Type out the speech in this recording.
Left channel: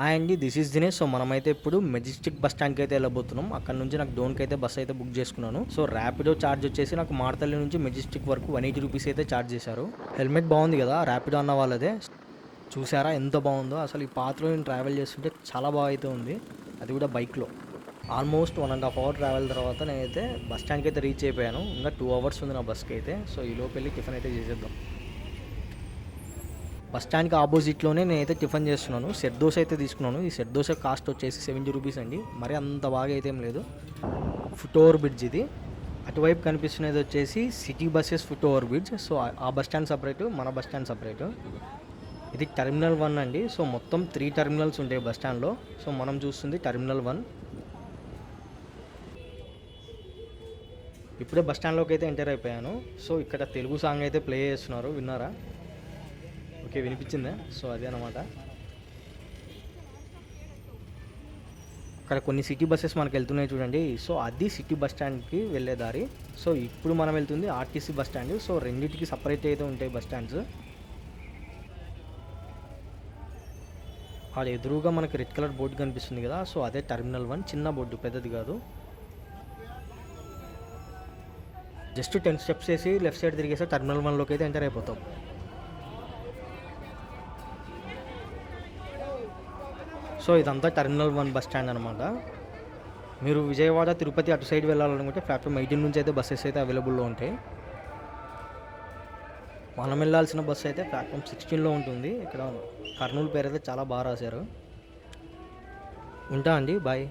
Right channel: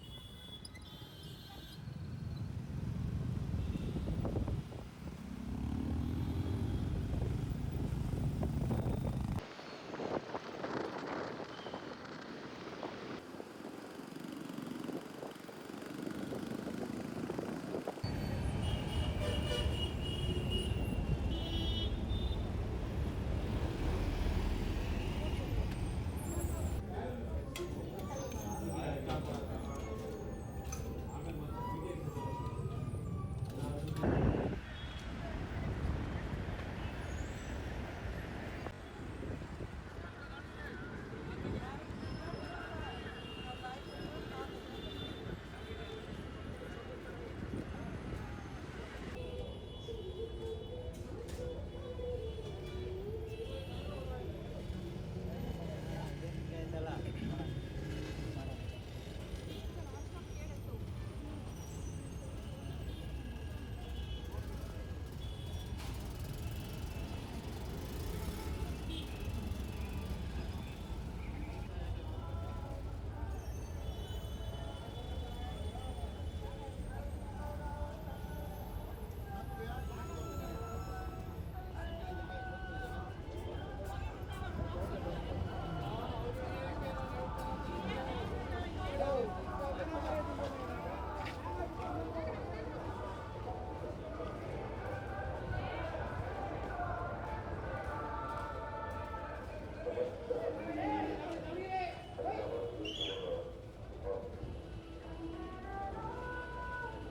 Hi అండి, this is Dinesh. So మనమైతే ఇప్పుడు మెజెస్టిక్ బస్ స్టాండ్కి అయితే వెళ్ళబోతున్నాం. అక్కడ నుంచి నాకు డోన్కి అయితే బస్ అయితే బుక్ చేసుకున్నాను. సో ర్యాపిడో ఛార్జ్ వచ్చేసి నాకు మారతల్లి నుంచి మెజెస్టిక్ వరకు 180 రూపీస్ అయితే ఛార్జ్ చేశారు. హెల్మెట్ బాగుంది కదా ర్యాపిడో అన్న వాళ్ళదే. చూసారా ఎంత బాగుందో. అసలు ఈ పాత్రలో నేను ట్రావెల్ చేస్తుంటే చాలా బాగా అయితే ఉంది, అది కూడా బైక్లో. ఆల్మోస్ట్ 1.5 అవర్ ట్రావెల్ తర్వాత నేనైతే బస్ స్టాండ్కి అయితే రీచ్ అయిపోయాను. ఇంకా 2 అవర్స్ ఉంది నా బస్కి అయితే. సో ఈ లోపు వెళ్ళి టిఫిన్ అయితే చేసేద్దాం. బస్ స్టాండ్కి ఆపోజిట్లోనే నేనైతే టిఫిన్ చేస్తున్నాను. సెట్ దోశ అయితే తీసుకున్నాను. ఈ సెట్ దోశ కాస్ట్ వచ్చేసి 70 రూపీస్ అండి. మరి అంత బాగా అయితే ఏం లేదు. ఫుట్ ఓవర్ బ్రిడ్జ్ ఇది. అటువైపు కనిపిస్తున్నది వచ్చేసి city buses foot over bridge. So ఆ బస్ స్టాండ్ సపరేటు, మన బస్ స్టాండ్ సపరేటు. ఇది టెర్మినల్ 1 అండి. సో మొత్తం 3 టెర్మినల్స్ ఉంటాయి బస్ స్టాండ్లో. సో మనం చూస్తుంది టెర్మినల్ 1. ఇప్పుడే బస్ స్టాండ్లోకి అయితే ఎంటర్ అయిపోయాను. సో ఇక్కడ తెలుగు సాంగ్ అయితే ప్లే చేస్తున్నారు, విన్నారా? ఓకే, వినిపించిందా? సో అదే అనమాట. ఇక్కడ కొన్ని సిటీ బస్సెస్ మనకు వెళ్తున్నాయి చూడండి. సో అది సిటీ బస్ స్టాండ్కి వెళ్ళే దారి. సో ఇప్పుడు మనం వెళ్తుంది ఆర్టీసీ బస్ స్టాండ్. సో రెండింటికి సపరేట్ అయితే ఉంటాయి బస్ స్టాండ్స్. అది ఎదురుగా మనకి రెడ్ కలర్ బోర్డు కనిపిస్తుంది కదా. సో అదే టెర్మినల్ 1, చిన్న బోర్డు, పెద్దది కాదు. జస్ట్ 10 స్టెప్స్ వేసి లెఫ్ట్ సైడ్ తిరిగేస్తే టెర్మినల్ 1లోకి అయితే ఎంటర్ అయిపోతాం. సో ఇదంతా టెర్మినల్ 1 బస్ స్టాండ్ అనమాట. మీరు విజయవాడ, తిరుపతి అటు సైడ్ వెళ్ళాలనుకుంటే ప్లాట్ఫామ్ 18 నుంచి అయితే బస్సెస్ అయితే అవైలబుల్లో ఉంటాయి. మనం వెళ్ళాల్సిన బస్సు అయితే ప్లాట్ఫామ్ 16లో ఉంటుంది. ఇక్కడ కర్నూలు పేరు అయితే చాలా బాగా రాశారు. ఉంటా అండి, బాయ్.